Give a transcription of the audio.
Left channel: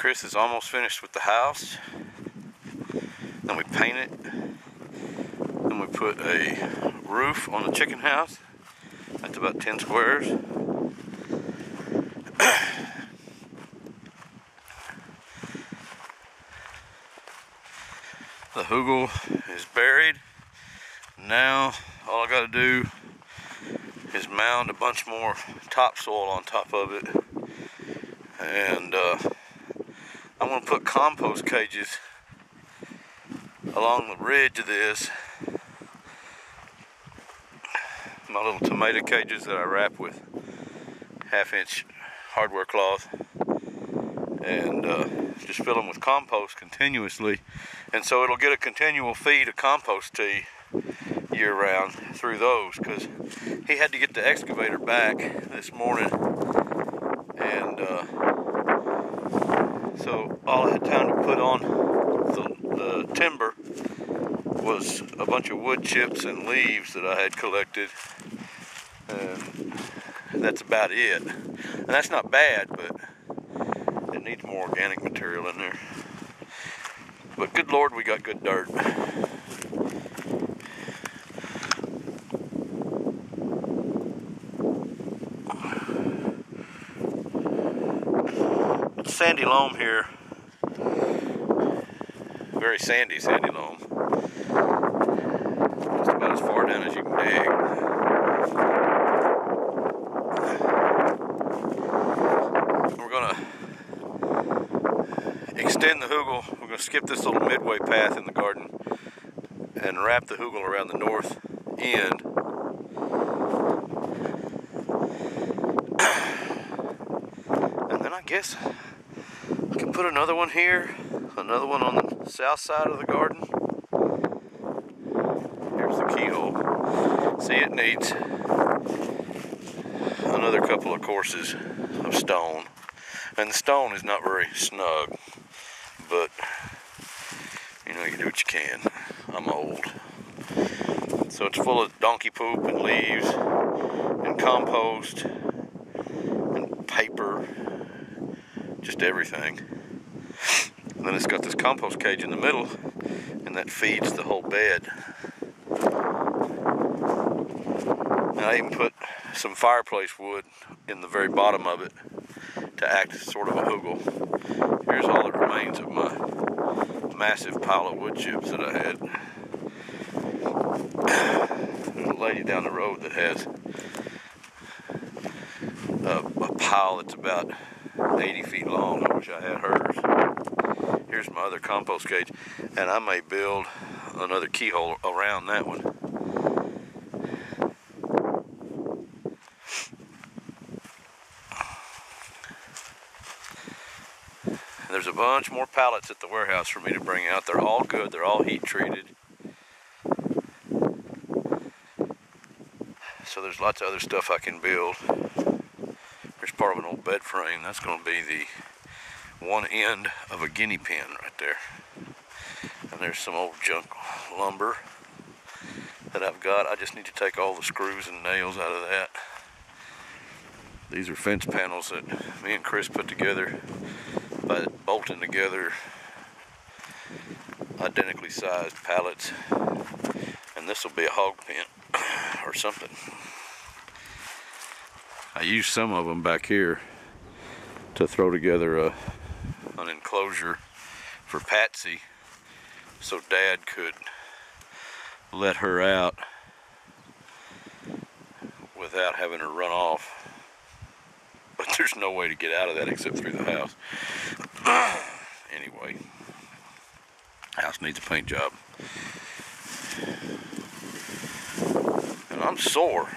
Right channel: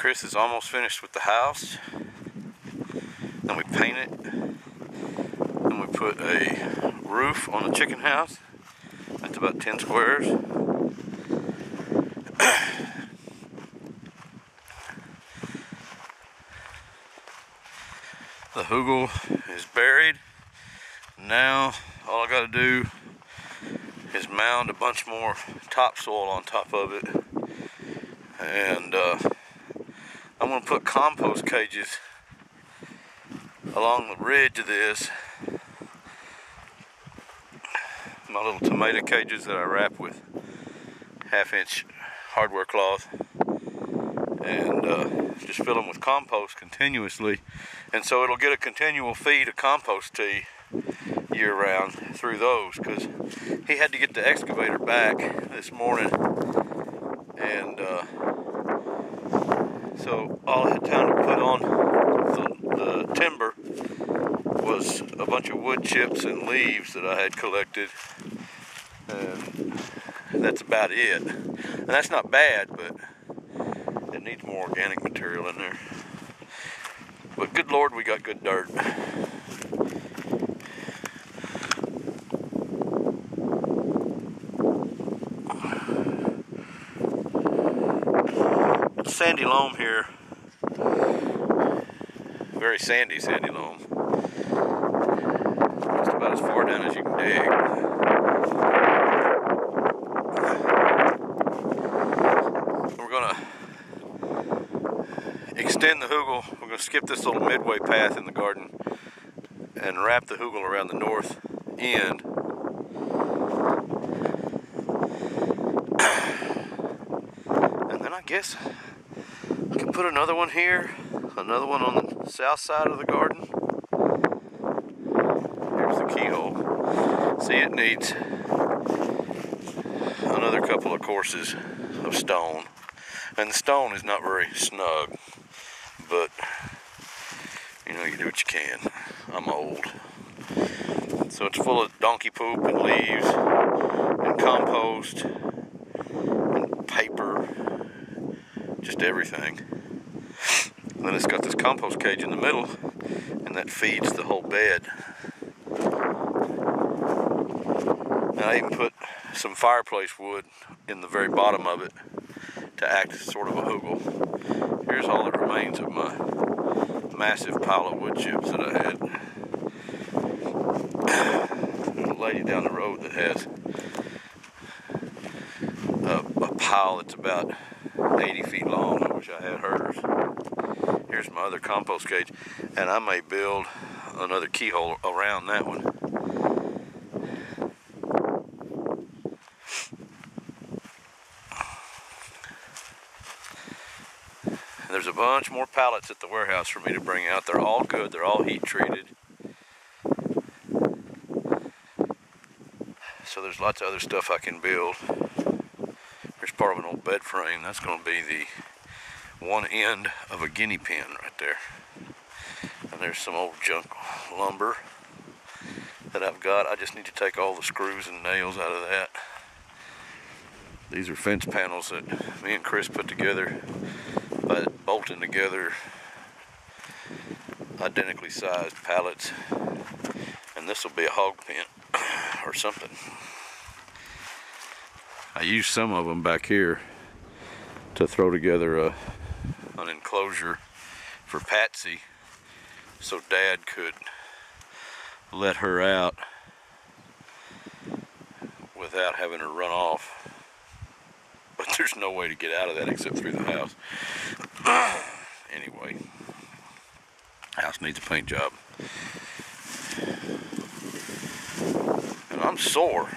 Chris is almost finished with the house. Then we paint it. Then we put a roof on the chicken house. That's about 10 squares. The hugel is buried. Now all I gotta do is mound a bunch more topsoil on top of it. And I'm gonna put compost cages along the ridge of this. My little tomato cages that I wrap with 1/2-inch hardware cloth, and just fill them with compost continuously, and so it'll get a continual feed of compost tea year round through those, because he had to get the excavator back this morning, and so all I had time to put on the timber was a bunch of wood chips and leaves that I had collected, and that's about it. And that's not bad, but it needs more organic material in there. But good Lord, we got good dirt. It's sandy loam here. Very sandy loam. Just about as far down as you can dig. We're gonna extend the hugel. We're gonna skip this little midway path in the garden and wrap the hugel around the north end. And then I guess I can put another one here, another one on the south side of the garden. Here's the keyhole. See, it needs another couple of courses of stone. And the stone is not very snug, but you know, you do what you can. I'm old. So it's full of donkey poop and leaves and compost and paper, just everything. And then it's got this compost cage in the middle, and that feeds the whole bed. And I even put some fireplace wood in the very bottom of it to act as sort of a hugel. Here's all that remains of my massive pile of wood chips that I had. There's a lady down the road that has a pile that's about 80 feet long. I wish I had hers. Here's my other compost cage, and I may build another keyhole around that one. There's a bunch more pallets at the warehouse for me to bring out. They're all good. They're all heat treated. So there's lots of other stuff I can build. Here's part of an old bed frame. That's going to be the one end of a guinea pen right there. And there's some old junk lumber that I've got. I just need to take all the screws and nails out of that. These are fence panels that me and Chris put together by bolting together identically sized pallets, and this will be a hog pen or something. I used some of them back here to throw together an enclosure for Patsy so Dad could let her out without having her run off. But there's no way to get out of that except through the house. Anyway, house needs a paint job. And I'm sore.